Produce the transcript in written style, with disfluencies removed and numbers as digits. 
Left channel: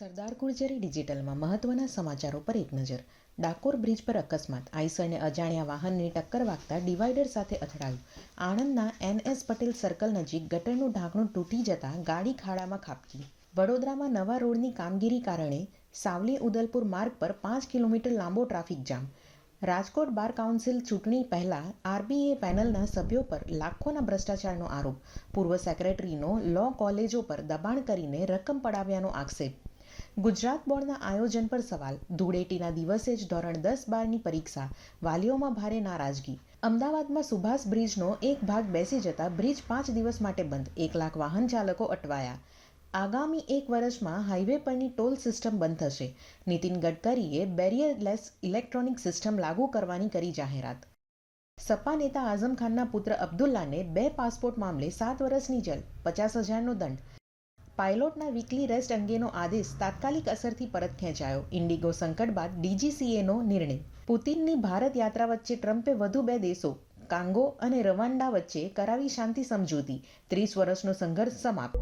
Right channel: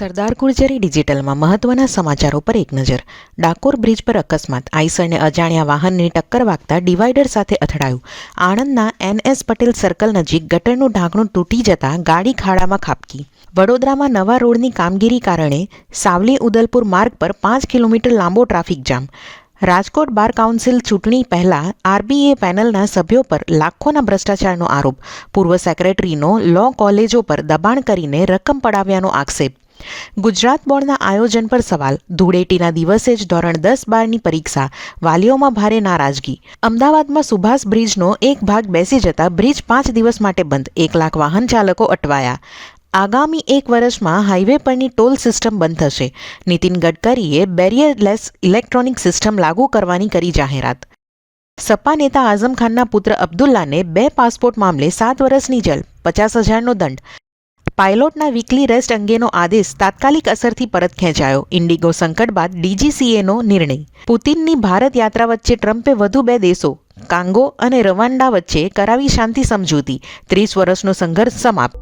સરદાર ગુર્જરી ડિજિટલમાં મહત્વના સમાચારો પર એક નજર. ડાકોર બ્રિજ પર અકસ્માત. આઈસરને અજાણ્યા વાહનની ટક્કર વાગતા ડિવાઈડર સાથે અથડાયું. આણંદના NS પટેલ સર્કલ નજીક ગટરનું ઢાંકણું તૂટી જતાં ગાડી ખાડામાં ખાબકી. વડોદરામાં નવા રોડની કામગીરી કારણે સાવલી ઉદલપુર માર્ગ પર 5 કિલોમીટર લાંબો traffic jam. Rajkot bar council ચૂંટણી પહેલા RBA પેનલના સભ્યો પર લાખોના ભ્રષ્ટાચારનો આરોપ. પૂર્વ સેક્રેટરીનો લો કોલેજો પર દબાણ કરીને રકમ પડાવ્યાનો આક્ષેપ. ગુજરાત બોર્ડના આયોજન પર સવાલ. ધૂળેટીના દિવસે જ ધોરણ 10-12ની પરીક્ષા. વાલીઓમાં ભારે નારાજગી. અમદાવાદમાં સુભાષ બ્રિજનો એક ભાગ બેસી જતા બ્રિજ 5 દિવસ માટે બંધ. 1 લાખ વાહન ચાલકો અટવાયા. આગામી 1 વર્ષમાં હાઈવે પરની ટોલ સિસ્ટમ બંધ થશે. નીતિન ગડકરીએ બેરિયરલેસ ઇલેક્ટ્રોનિક સિસ્ટમ લાગુ કરવાની કરી જાહેરાત. સપા નેતા આઝમ ખાનના પુત્ર અબ્દુલ્લાને 2 પાસપોર્ટ મામલે 7 વર્ષની જેલ, 50,000નો દંડ. પાયલોટના વીકલી રેસ્ટ અંગેનો આદેશ તાત્કાલિક અસરથી પરત ખેંચાયો. ઇન્ડિગો સંકટ બાદ DGCAનો નિર્ણય. પુતિનની ભારત યાત્રા વચ્ચે ટ્રમ્પે વધુ 2 દેશો કાંગો અને રવાન્ડા વચ્ચે કરાવી શાંતિ સમજૂતી. 30 વર્ષનો સંઘર્ષ સમાપ્ત.